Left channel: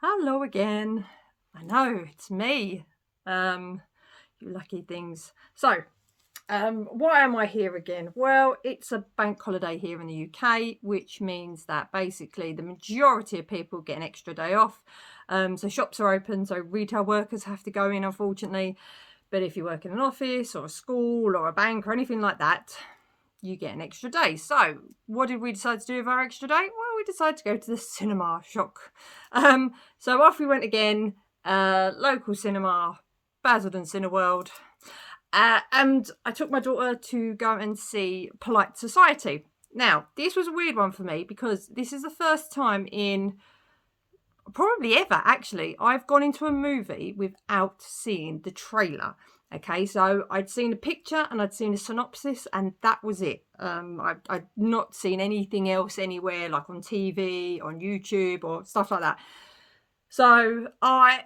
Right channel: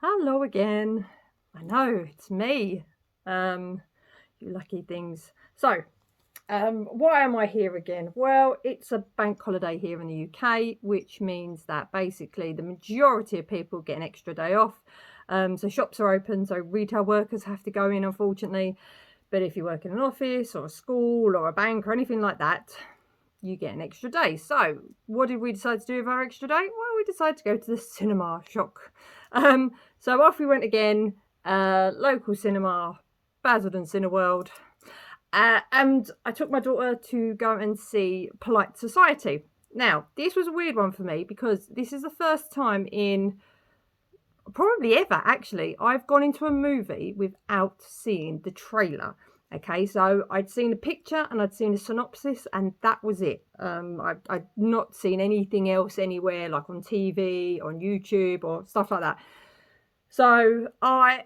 Hello again. I know, it's me. You lucky things. So, why am I here again? Well, it's a bank holiday here in the UK, which means that basically the majority of people get an extra day off. So shops are open, so retail workers have to go in, unfortunately. But if you work in an office or a school or a bank or anything like that, you get an extra day. So what did we decide to do with our extra day? Well, we decided to go to the cinema. Shock. So off we went again, local cinema, Basildon Cineworld. And I took my daughter to go and see Polite Society. Now, this was a weird one for me because this is the first time in probably ever, actually, I've gone into a movie without seeing the trailer. Okay, so I'd seen a picture and I'd seen a synopsis, and that was it. I'd not seen anything else anywhere, like on TV, on YouTube, or stuff like that. So I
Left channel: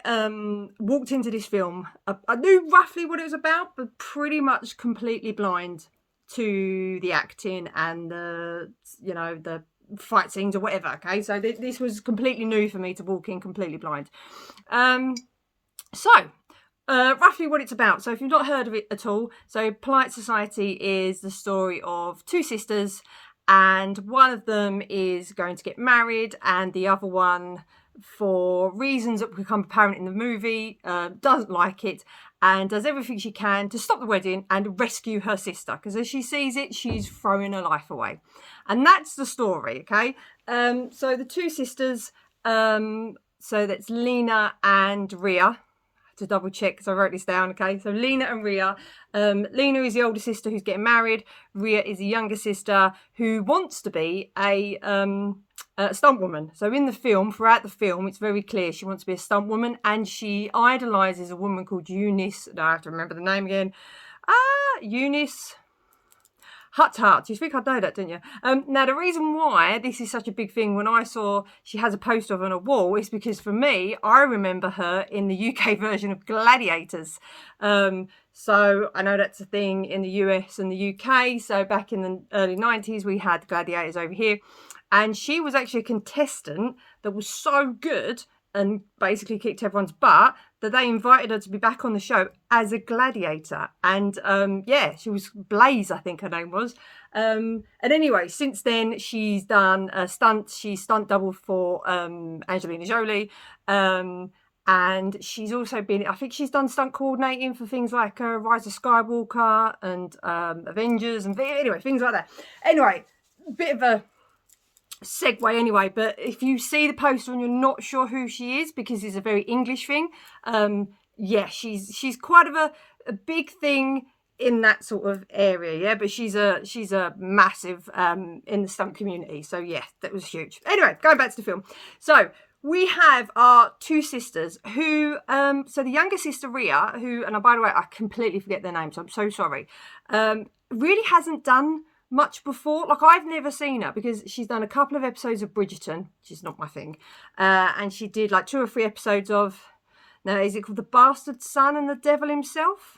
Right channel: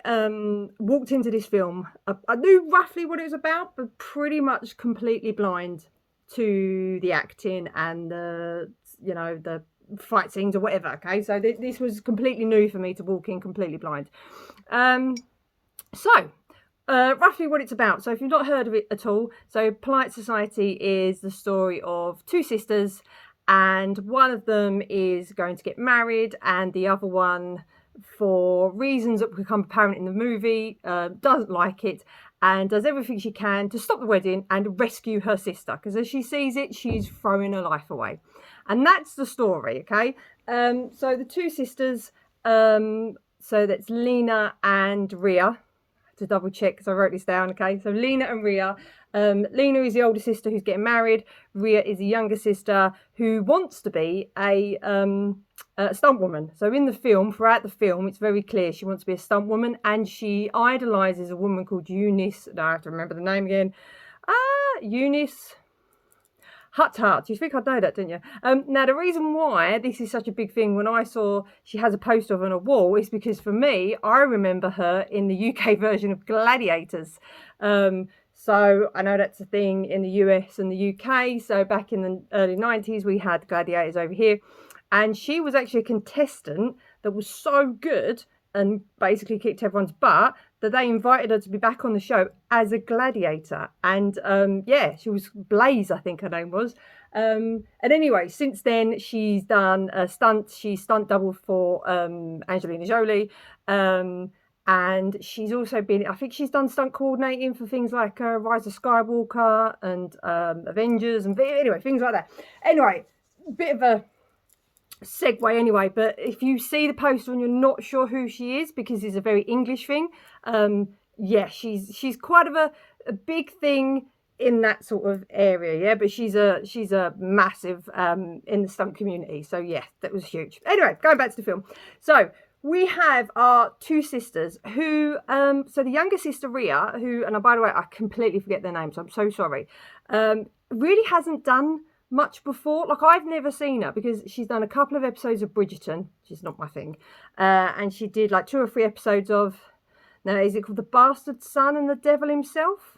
walked into this film. I knew roughly what it was about, but pretty much completely blind to the acting and the fight scenes or whatever. Okay, so this was completely new for me to walk in completely blind. Roughly what it's about. So if you've not heard of it at all, so Polite Society is the story of two sisters, and one of them is going to get married, and the other one, for reasons that become apparent in the movie, doesn't like it and does everything she can to stop the wedding and rescue her sister, because as she sees it, she's throwing her life away. And that's the story, okay? So the two sisters, so that's Lena and Ria. To double check because I wrote this down, okay? So Lena and Ria. Lena is the older sister who's getting married. Ria is the younger sister who wants to be a stunt woman. So in the film, throughout the film, it's very clear she wants to be a stunt woman, and she idolizes a woman called Eunice. Now I have to remember the name again. Eunice Hut. You think I'd know that, didn't you? Now, the reason why this is such a big thing when I saw she has a poster of her on a wall is because for me, I remember her in the UK version of Gladiators. So I know that's a thing in the US and the UK. So back in the early 90s, we had Gladiators over here. And she was actually a contestant that was so good and basically kicked everyone's butt that they invited her to be back on the show as a gladiator. And she was Blaze, I think her name was. And anyway, since then she's done a stunt. She's stunt double for Angelina Jolie. And she's also been, I think she's done stunt coordinating for things like Rise of Skywalker and Avengers and anyway, things like that. Anyway, bit of a segue anyway, but if you see the poster and you're not sure who she is, because it's a very English thing, she's quite of a big thing in that sort of area, but she's a massive in the stunt community, so yeah, that was huge. Anyway, going back to the film, so we have our two sisters who so the younger sister Ria, who, and by the way, I completely forget their name, so I'm so sorry, really hasn't done much before. Like, I've never seen her because she's done a couple of episodes of Bridgerton, which is not my thing, and she did like 2 or 3 episodes of, now is it called The Bastard Son and the Devil Himself?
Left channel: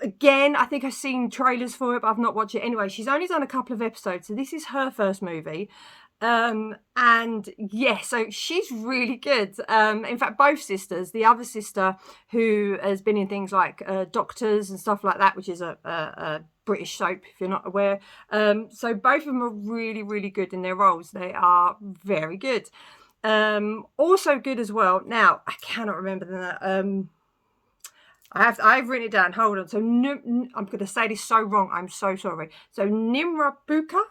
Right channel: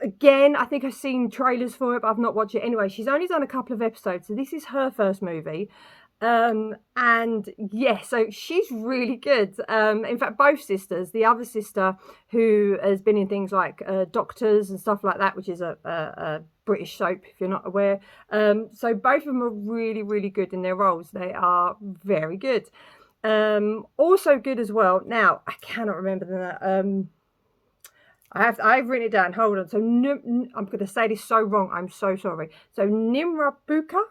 Again, I think I've seen trailers for it, but I've not watched it. Anyway, she's only done a couple of episodes, so this is her first movie. And yeah, so she's really good. In fact, both sisters, the other sister who has been in things like Doctors and stuff like that, which is a British soap, if you're not aware. So both of them are really, really good in their roles. They are very good. Also good as well. Now, I cannot remember the I've written it down. Hold on. So I'm going to say this so wrong. I'm so sorry. So Nimra Buka.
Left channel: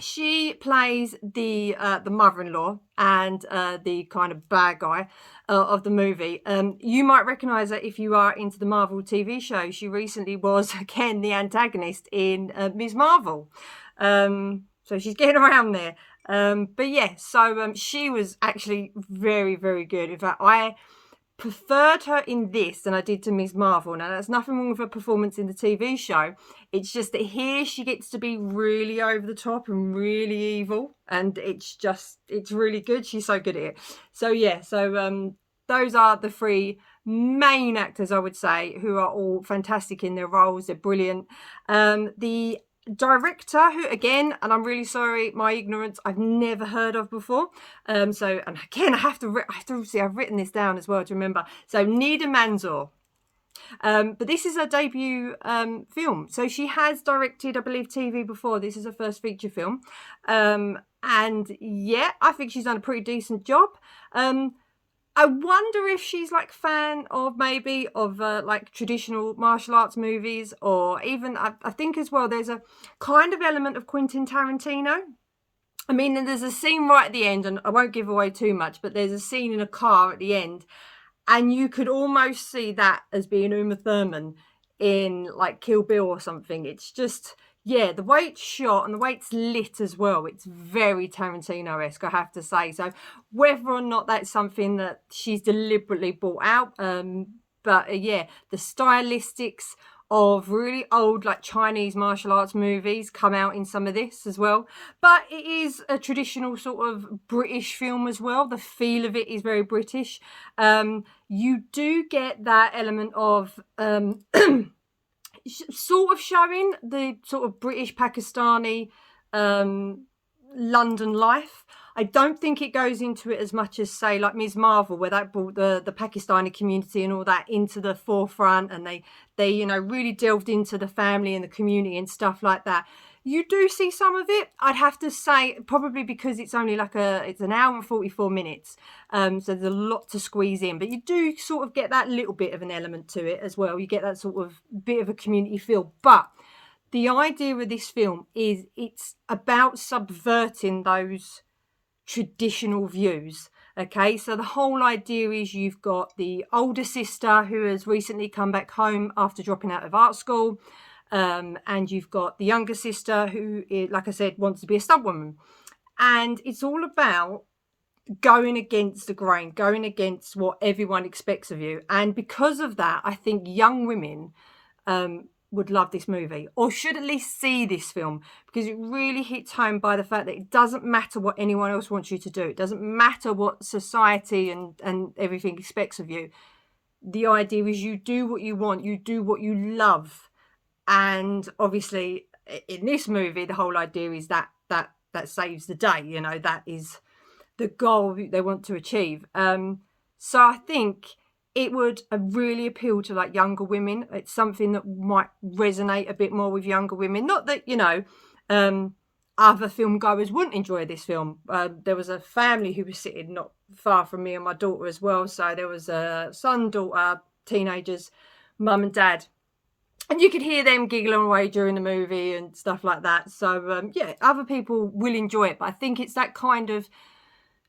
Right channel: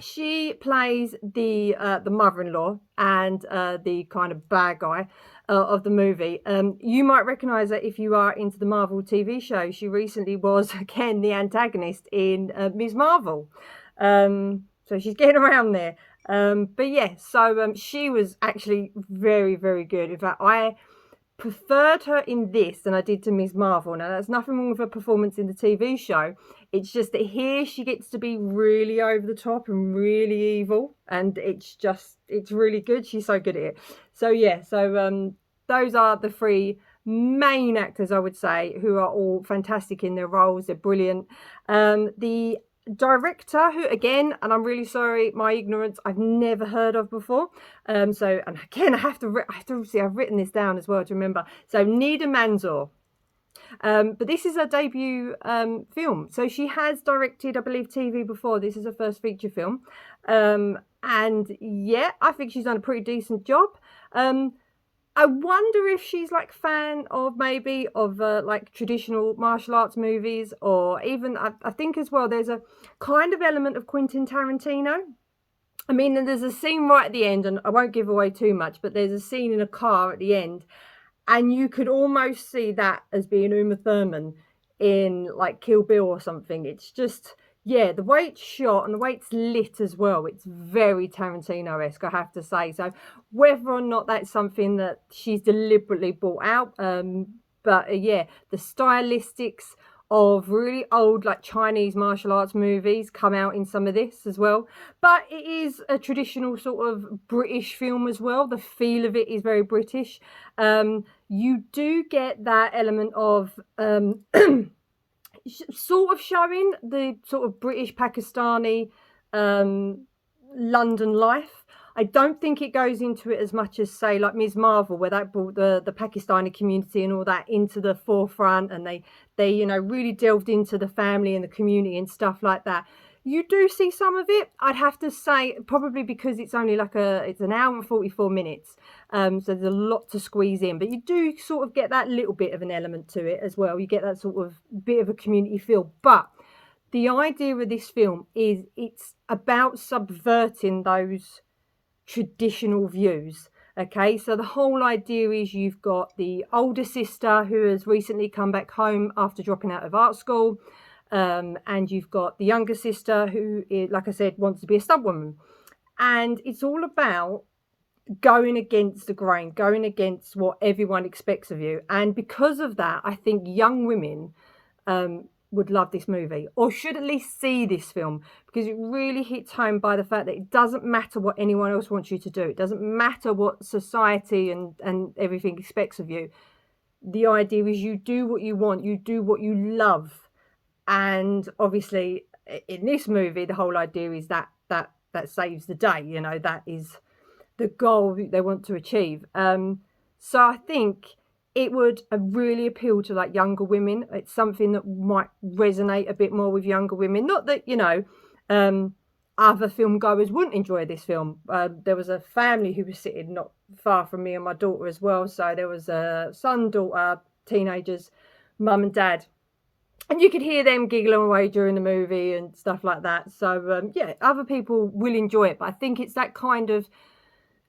She plays the mother-in-law and the kind of bad guy of the movie. You might recognise her if you are into the Marvel TV show. She recently was, again, the antagonist in Ms. Marvel. So she's getting around there. But yeah, so she was actually very, very good. In fact, I preferred her in this than I did to Ms. Marvel. Now, there's nothing wrong with her performance in the TV show. It's just that here she gets to be really over the top and really evil. And it's really good. She's so good at it. So yeah, so those are the 3 main actors, I would say, who are all fantastic in their roles. They're brilliant. The director, who again, and I'm really sorry, my ignorance, I've never heard of before. So, and again, I've written this down as well to remember. So Nida Manzoor. But this is her debut film. So she has directed, I believe, TV before. This is her first feature film. And yeah, I think she's done a pretty decent job. I wonder if she's like fan of maybe of like traditional martial arts movies, or even I think as well there's a kind of element of Quentin Tarantino. I mean, there's a scene right at the end, and I won't give away too much, but there's a scene in a car at the end, and you could almost see that as being Uma Thurman in like Kill Bill or something. It's just, yeah, the way it's shot and the way it's lit as well, it's very Tarantino-esque, I have to say. So whether or not that's something that she's deliberately brought out, but yeah, the stylistics of really old like Chinese martial arts movies come out in some of this as well. But it is a traditional sort of British film as well. The feel of it is very British. You do get that element of sort of showing the sort of British Pakistani London life. I don't think it goes into it as much as, say, like Ms. Marvel, where that brought the Pakistani community and all that into the forefront, and they you know, really delved into the family and the community and stuff like that. You do see some of it, I'd have to say, probably because it's only like it's an hour and 44 minutes. So there's a lot to squeeze in, but you do sort of get that little bit of an element to it as well. You get that sort of bit of a community feel. But the idea of this film is it's about subverting those traditional views. Okay, so the whole idea is you've got the older sister who has recently come back home after dropping out of art school. And you've got the younger sister who, like I said, wants to be a stuntwoman. And it's all about going against the grain, going against what everyone expects of you. And because of that, I think young women would love this movie, or should at least see this film, because it really hits home by the fact that it doesn't matter what anyone else wants you to do. It doesn't matter what society and everything expects of you. The idea is you do what you want, you do what you love. And obviously in this movie, the whole idea is that saves the day, you know, that is the goal they want to achieve. So I think it would really appeal to like younger women. It's something that might resonate a bit more with younger women. Not that, you know, other film goers wouldn't enjoy this film. There was a family who was sitting not far from me and my daughter as well. So there was a son, daughter, teenagers, mum and dad. And you could hear them giggling away during the movie and stuff like that. So, yeah, other people will enjoy it. But I think it's that kind of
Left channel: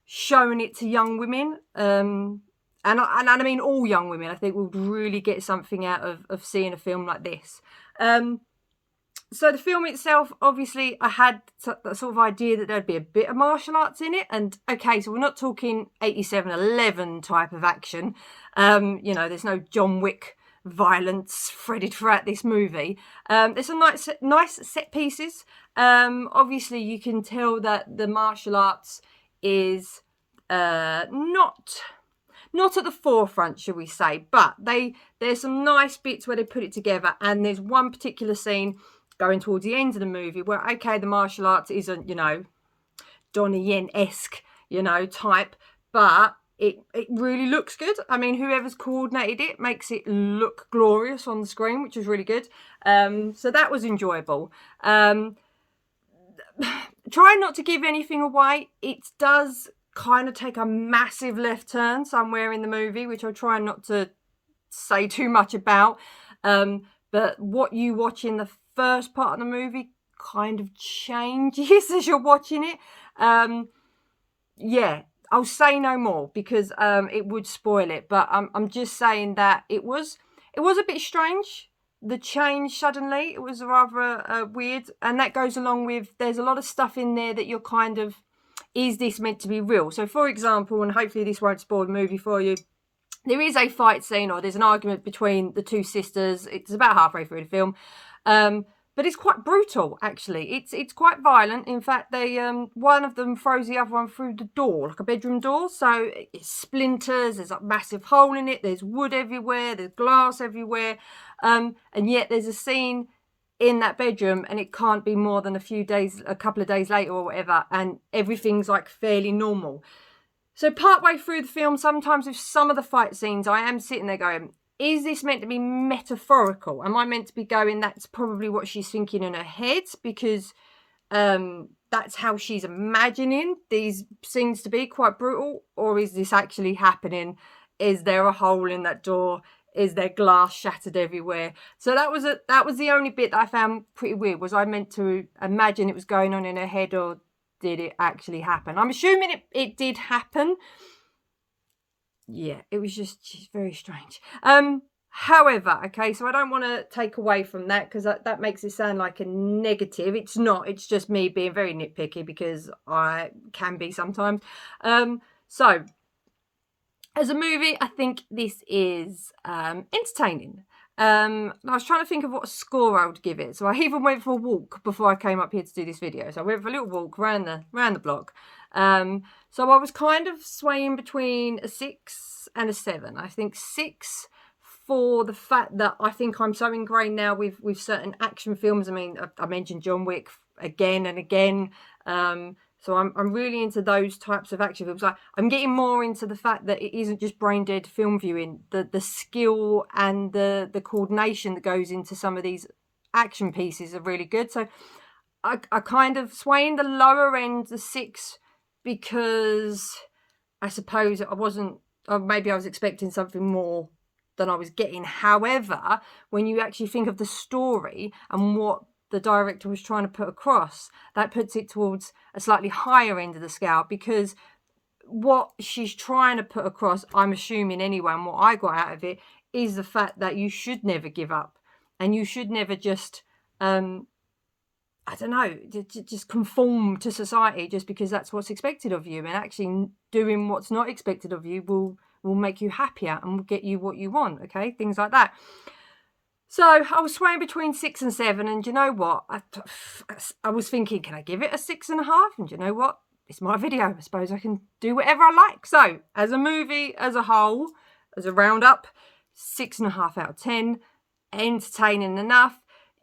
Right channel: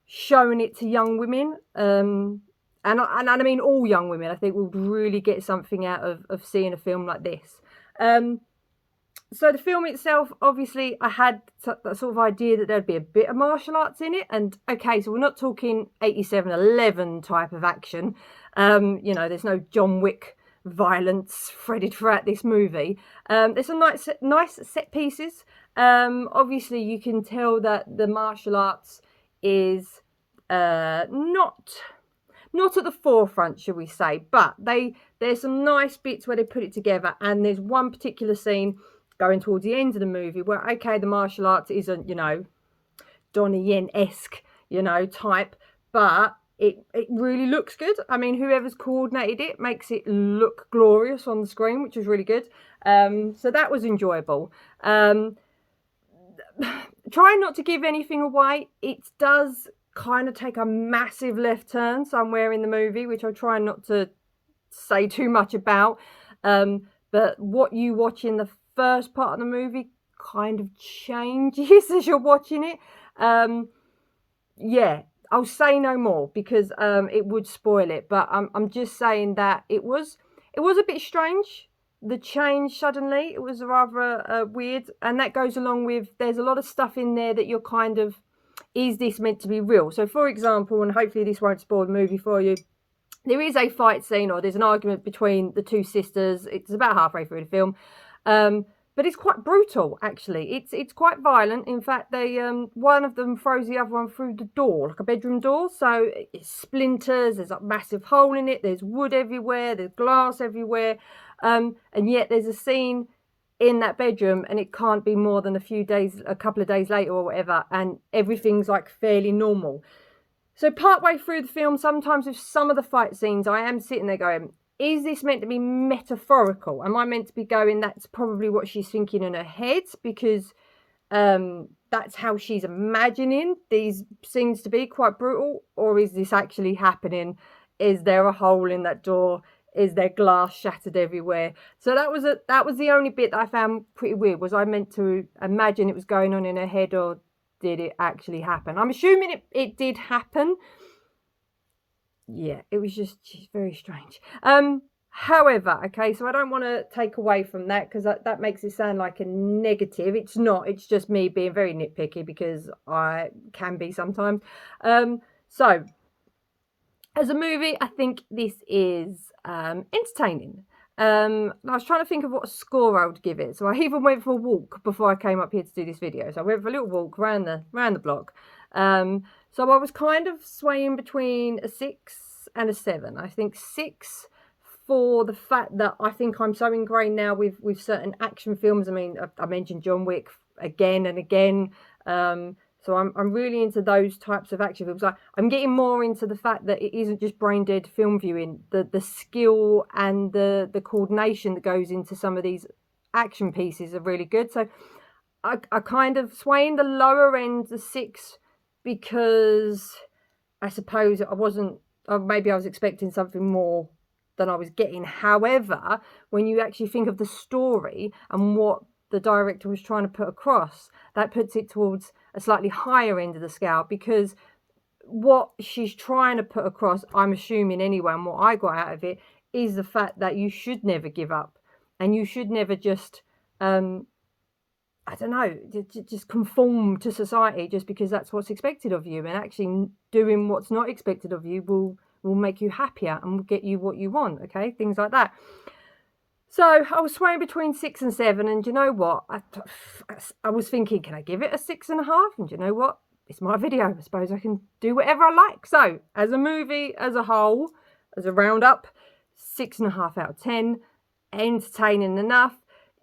showing it to young women. And I mean all young women, I think, will really get something out of seeing a film like this. So the film itself, obviously, I had that sort of idea that there'd be a bit of martial arts in it. And, okay, so we're not talking 87-11 type of action. You know, there's no John Wick violence threaded throughout this movie. There's some nice set pieces. Obviously you can tell that the martial arts is not at the forefront, shall we say, but there's some nice bits where they put it together. And there's one particular scene going towards the end of the movie where, okay, the martial arts isn't, you know, Donnie Yen-esque, you know, type, but it really looks good. I mean, whoever's coordinated it makes it look glorious on the screen, which is really good. So that was enjoyable. Trying not to give anything away, it does kind of take a massive left turn somewhere in the movie, which I try not to say too much about. But what you watch in the first part of the movie kind of changes as you're watching it. Yeah, I'll say no more because it would spoil it. But I'm just saying that it was a bit strange. The change suddenly, it was rather weird. And that goes along with, there's a lot of stuff in there that you're kind of, is this meant to be real? So for example, and hopefully this won't spoil the movie for you, there is a fight scene, or there's an argument between the two sisters. It's about halfway through the film. but it's quite brutal, actually. It's quite violent. In fact, they one of them throws the other one through the door, like a bedroom door. So it splinters. There's a massive hole in it. There's wood everywhere. There's glass everywhere. And yet there's a scene in that bedroom, and it can't be more than a couple of days later or whatever, and everything's like fairly normal. So partway through the film, sometimes with some of the fight scenes, I am sitting there going, is this meant to be metaphorical? Am I meant to be going, that's probably what she's thinking in her head, because that's how she's imagining these scenes to be, quite brutal? Or is this actually happening? Is there a hole in that door? Is there glass shattered everywhere? So that was the only bit that I found pretty weird. Was I meant to imagine it was going on in her head, or did it actually happen? I'm assuming it did happen. Yeah, it was just very strange. However, okay, so I don't want to take away from that, because that makes it sound like a negative. It's not. It's just me being very nitpicky, because I can be sometimes. So as a movie, I think this is entertaining. I was trying to think of what score I would give it. So I even went for a walk before I came up here to do this video. So I went for a little walk around the block. So I was kind of swaying between a 6 and a 7. I think 6 for the fact that I think I'm so ingrained now with certain action films. I mean, I mentioned John Wick again and again. So I'm really into those types of action films. I'm getting more into the fact that it isn't just brain dead film viewing. The skill and the coordination that goes into some of these action pieces are really good. So I kind of sway in the lower end, the 6, because I suppose I wasn't, or maybe I was expecting something more than I was getting. However, when you actually think of the story and what the director was trying to put across, that puts it towards a slightly higher end of the scale, because what she's trying to put across, I'm assuming anyway, and what I got out of it, is the fact that you should never give up, and you should never just I don't know, just conform to society just because that's what's expected of you. And actually doing what's not expected of you will make you happier and will get you what you want, okay? Things like that. So I was swaying between 6 and 7, and you know what? I was thinking, can I give it a 6.5? And you know what? It's my video. I suppose I can do whatever I like. So as a movie, as a whole, as a roundup, 6.5 out of 10. Entertaining enough.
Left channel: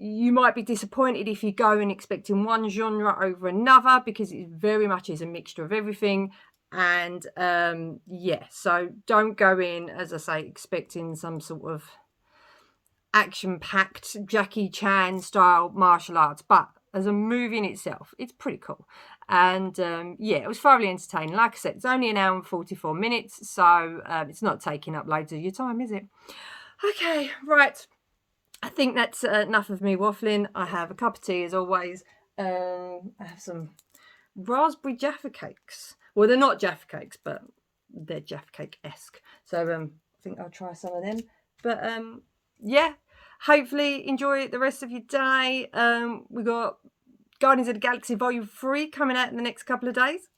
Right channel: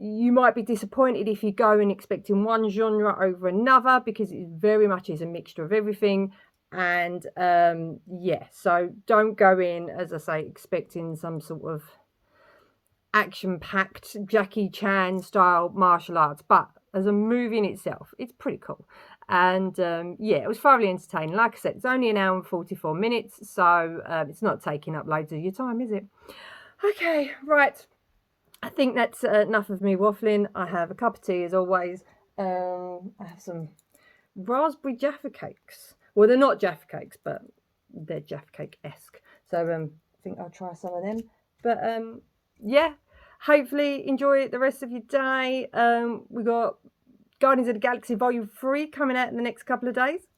You might be disappointed if you go in expecting one genre over another, because it very much is a mixture of everything. And yeah, so don't go in, as I say, expecting some sort of action-packed Jackie Chan style martial arts. But as a movie in itself, it's pretty cool. And yeah, it was thoroughly entertaining. Like I said, it's only an hour and 44 minutes, so it's not taking up loads of your time, is it? Okay, right. I think that's enough of me waffling. I have a cup of tea as always. I have some raspberry Jaffa cakes. Well, they're not Jaffa cakes, but they're Jaffa cake-esque. So I think I'll try some of them. But yeah, hopefully enjoy the rest of your day. We got Guardians of the Galaxy Volume 3 coming out in the next couple of days.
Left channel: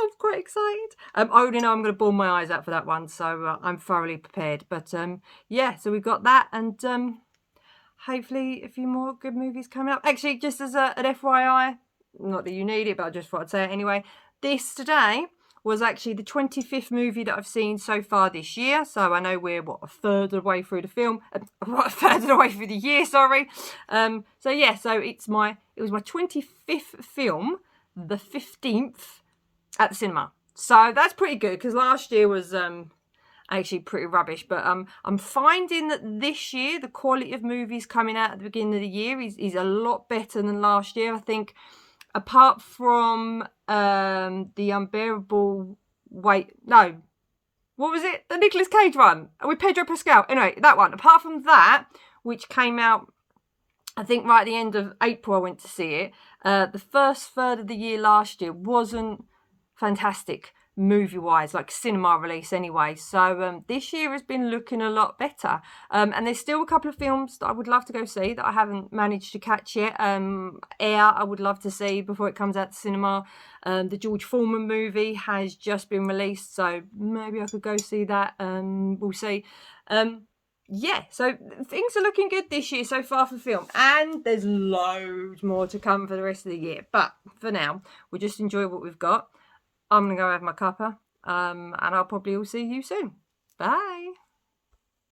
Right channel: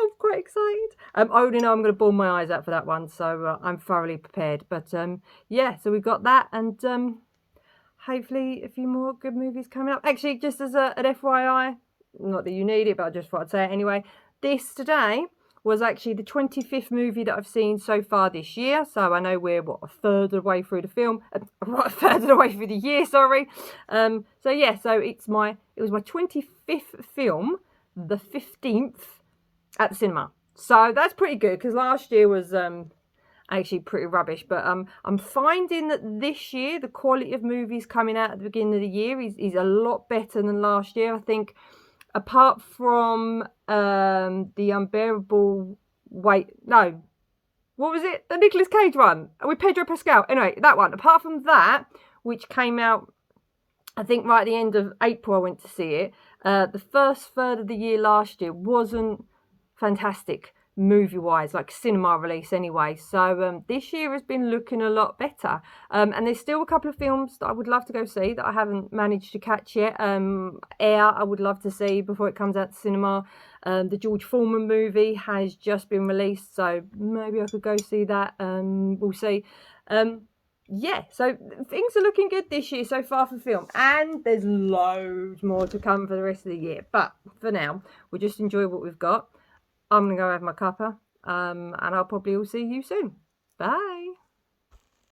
I'm quite excited. I already know I'm going to bawl my eyes out for that one, so I'm thoroughly prepared. But yeah, so we've got that, and hopefully a few more good movies coming up. Actually, just as an FYI, not that you need it, but I just thought I'd say it anyway. This today was actually the 25th movie that I've seen so far this year. So I know we're, what, a third of the way through the film, a third of the way through the year, sorry. So yeah, so it was my 25th film, the 15th at the cinema. So that's pretty good, because last year was actually pretty rubbish. But I'm finding that this year the quality of movies coming out at the beginning of the year is a lot better than last year. I think apart from the unbearable weight, no, what was it, the Nicolas Cage one with Pedro Pascal, anyway, that one, apart from that, which came out I think right at the end of April I went to see it, the first third of the year last year wasn't fantastic movie-wise, like cinema release anyway. So this year has been looking a lot better. And there's still a couple of films that I would love to go see that I haven't managed to catch yet. Air, I would love to see before it comes out to cinema. The George Foreman movie has just been released, so maybe I could go see that. We'll see. yeah, so things are looking good this year so far for film, and there's loads more to come for the rest of the year. But for now, we'll just enjoy what we've got. I'm gonna go have my cuppa, and I'll probably will see you soon. Bye.